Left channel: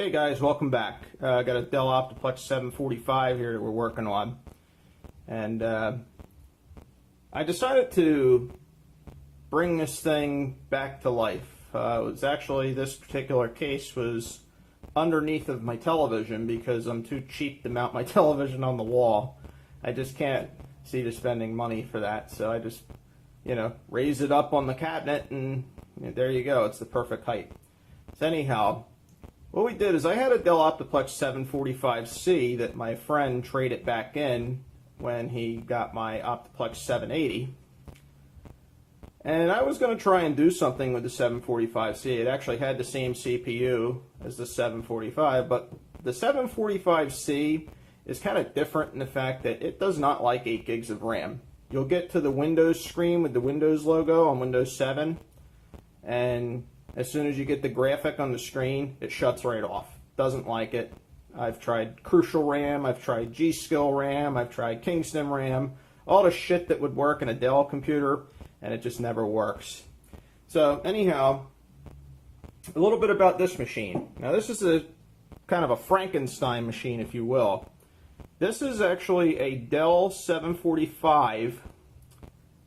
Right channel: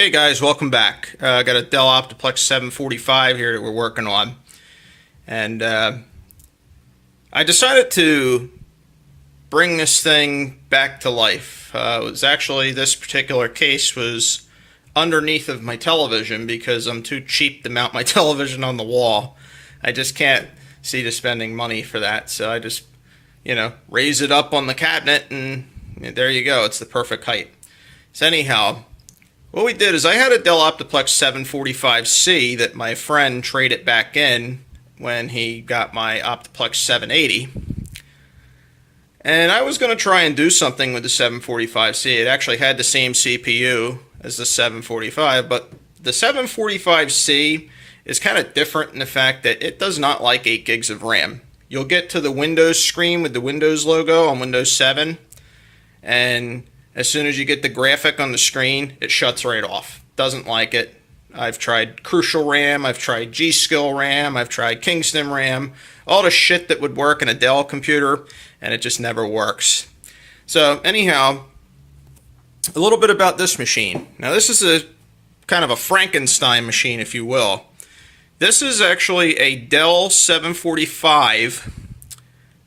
Hey guys, welcome back. I got a Dell Optiplex 745 here that we're working on. And I decided to bring this thing back to life. It was actually, this particular case was underneath of my television because I'm too cheap to mount my television on the wall. I just can't see to spending money for that. So I just, raise it up on the cabinet and there you go. It's the perfect height. So anyhow, what we did is I had a Dell Optiplex 745C that my friend traded back in when he got my Optiplex 780. And I was going to try and do something with the 745C. It actually had the same CPU as the 745, but the 745C is kind of different in the fact that it does not like 8 gigs of RAM. You'll get to the Windows screen with the Windows logo on Windows 7, and as soon as you get the graphic on the screen, it shuts right off. Doesn't like it. I've tried Crucial RAM, I've tried G-Skill RAM, I've tried Kingston RAM, all the shit that would work in a Dell computer, and it just never works. So anyhow, a little bit about this machine. Now this is a kind of a Frankenstein machine, if you will. This is actually a Dell 745,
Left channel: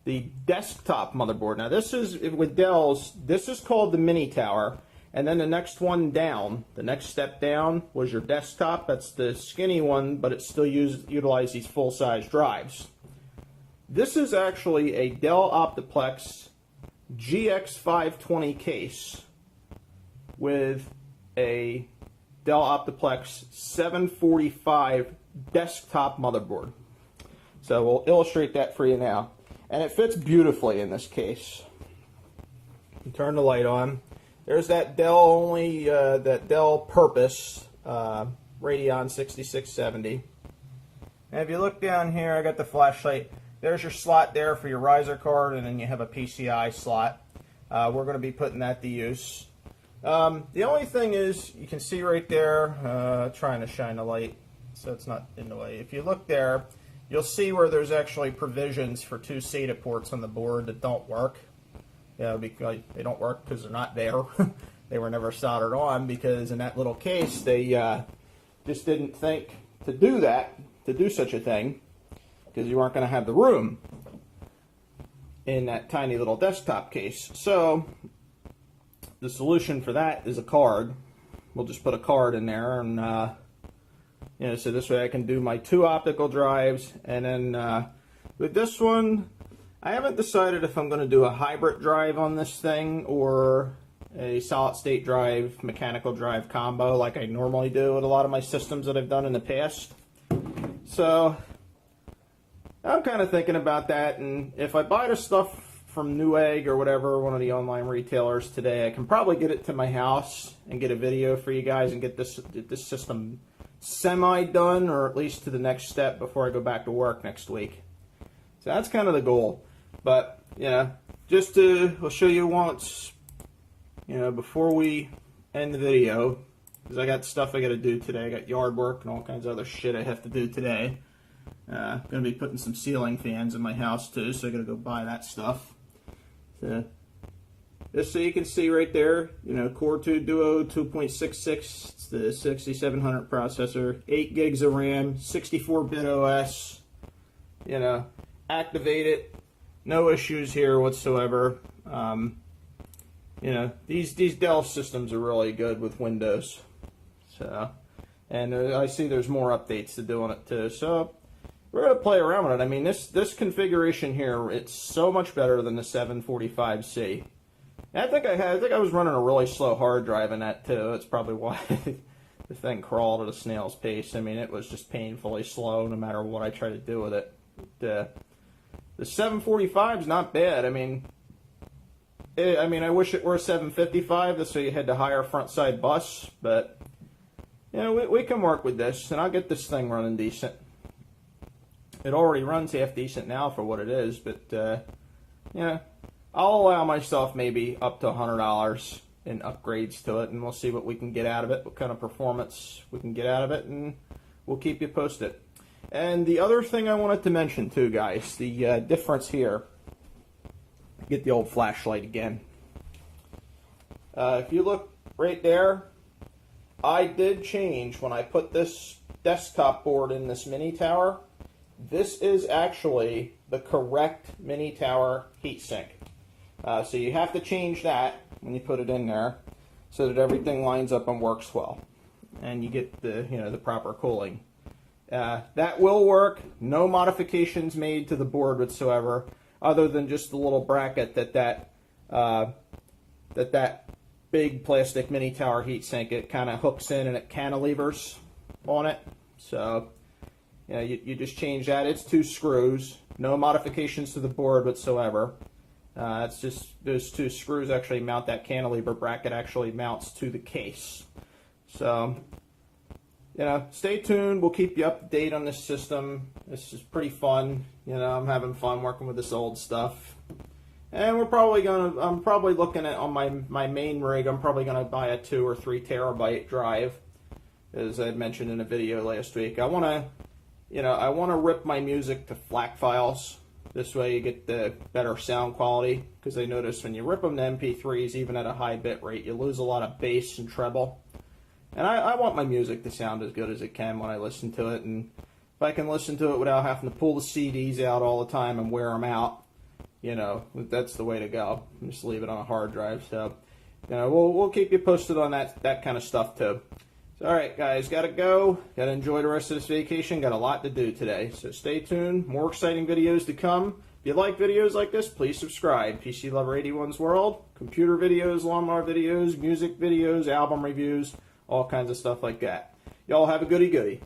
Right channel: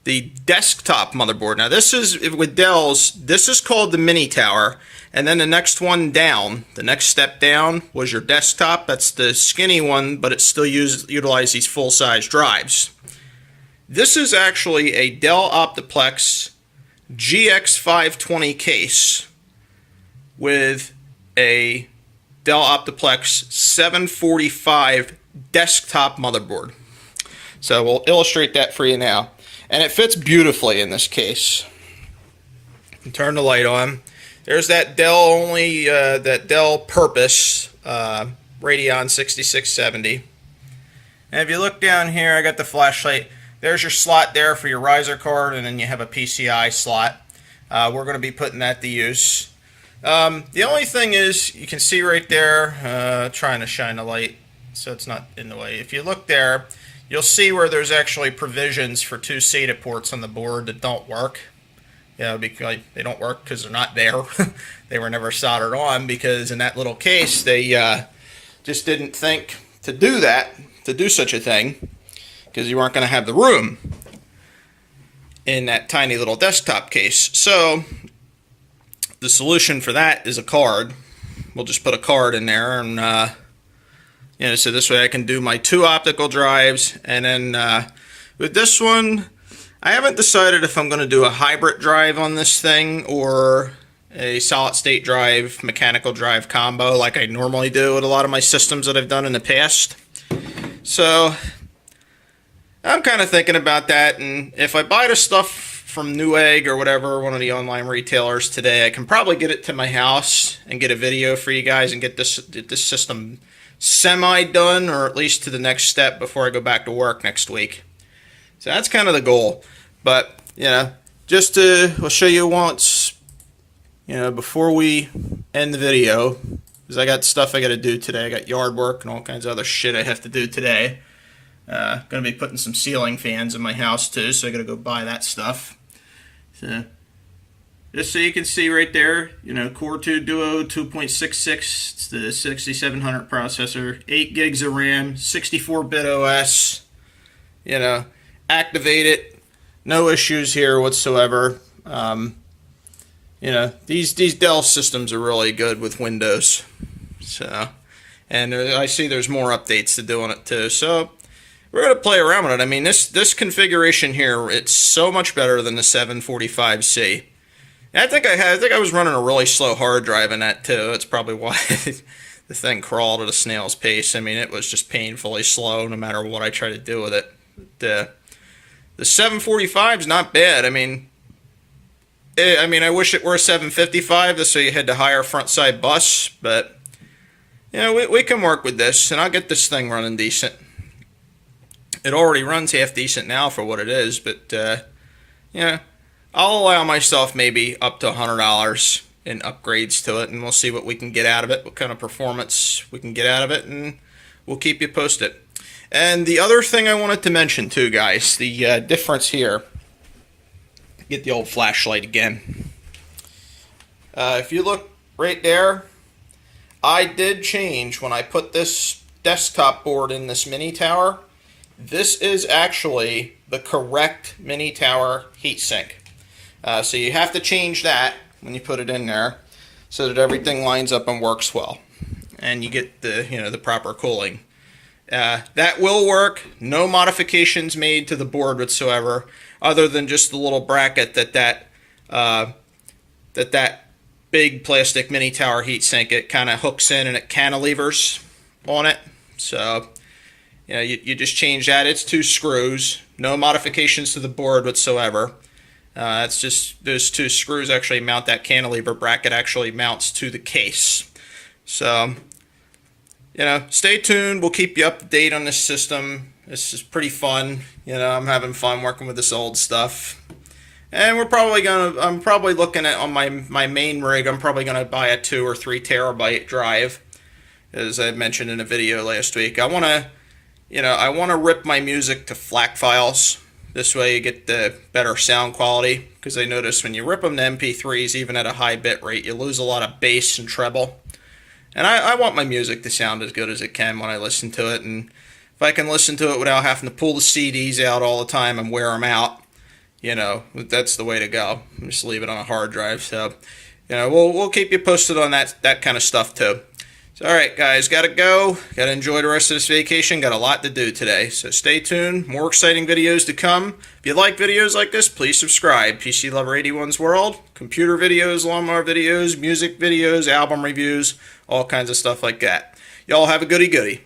the desktop motherboard. Now this is, with Dell's, this is called the mini tower, and then the next one down, the next step down was your desktop. That's the skinny one, but it still utilizes these full-size drives. This is actually a Dell Optiplex GX520 case with a Dell Optiplex 745 desktop motherboard. So we'll illustrate that for you now. And it fits beautifully in this case. Turn the light on. There's that Dell that Dell Purpose Radeon 6670. And if you look down here, I got the flashlight. There's your slot there for your riser card, and then you have a PCI slot. We're going to be putting that to use. The only thing is, you can see right there, trying to shine the light so it's not in the way. If you look there, you'll see where there's actually provisions for 2 SATA ports on the board that don't work. Because they don't work because they're not there. They were never soldered on because in that little case they just didn't think to do that, to do such a thing, because you weren't going to have the room in that tiny little desktop case. So the solution for that is a card. We'll just put a card in there and so this way I can do my 2 optical drives, and then with this one, I haven't decided if I'm going to do a hybrid drive on this thing or a solid state drive, mechanical drive combo like I normally do with a lot of my systems that I've done in the past. So I'm kind of thinking about that, and if I buy the stuff from Newegg or whatever, one of the online retailers today, I can probably get it to my house and get a video for you guys and get this system semi-done, or at least to the next step before I go back to work next week. So that's kind of the goal. But, just I'll show you once, before we end the video, because I got stuff I got to do today. I got yard work and all kinds of other shit I have to do today. Going to be putting some ceiling fans in my house too, so I got to go buy that stuff. So just so you can see right there, Core 2 Duo 2.66, it's the 6700 processor, 8 gigs of RAM, 64-bit OS, activate it, no issues here whatsoever. These Dell systems are really good with Windows. So, and I see there's more updates to do on it too. So we're going to play around with it. I mean, this configuration here, it's so much better than the 745C. I think I was running a really slow hard drive in that too. That's probably why the thing crawled at a snail's pace. I mean, it was just painfully slow no matter what I tried to do with it. The 745 is not bad. I mean, I wish it were a 755, so you had the higher front side bus, but we can work with this, and I'll get this thing running decent. It already runs half decent now for what it is, but I'll allow myself maybe up to $100 in upgrades to it, and we'll see what we can get out of it, what kind of performance we can get out of it, and we'll keep you posted. And the other thing I wanted to mention too, guys, the difference here, get the old flashlight again. If you look right there, I did change when I put this desktop board in this mini tower. This is actually the correct mini tower heatsink. So you have to change that when you put it in there so that everything lines up and works well. And you get the, the proper cooling. That will work. No modifications made to the board whatsoever, other than just the little bracket that big plastic mini tower heatsink, it kind of hooks in and it cantilevers on it. So you just change that. It's 2 screws. No modifications to the board whatsoever. It's just those 2 screws actually mount that cantilever bracket, actually mounts to the case. So stay tuned. We'll keep you up to date on this system. This is pretty fun. I'm having fun working with this old stuff. And I'm probably looking at, on my main rig, I'm probably gonna buy a 2 or 3 terabyte drive, as I mentioned in a video last week. I wanna rip my music to FLAC files. This way you get the better sound quality, because I notice when you rip them to MP3s, even at a high bit rate, you lose a lot of bass and treble. And I want my music to sound as good as it can when I listen to it, and if I can listen to it without having to pull the CDs out all the time and wear them out, that's the way to go. Just leave it on a hard drive. So, we'll keep you posted on that kind of stuff too. So, all right, guys, gotta go. Gotta enjoy the rest of this vacation. Got a lot to do today. So stay tuned. More exciting videos to come. If you like videos like this, please subscribe. PC Lover 81's World. Computer videos, lawnmower videos, music videos, album reviews, all kinds of stuff like that. Y'all have a goody goody.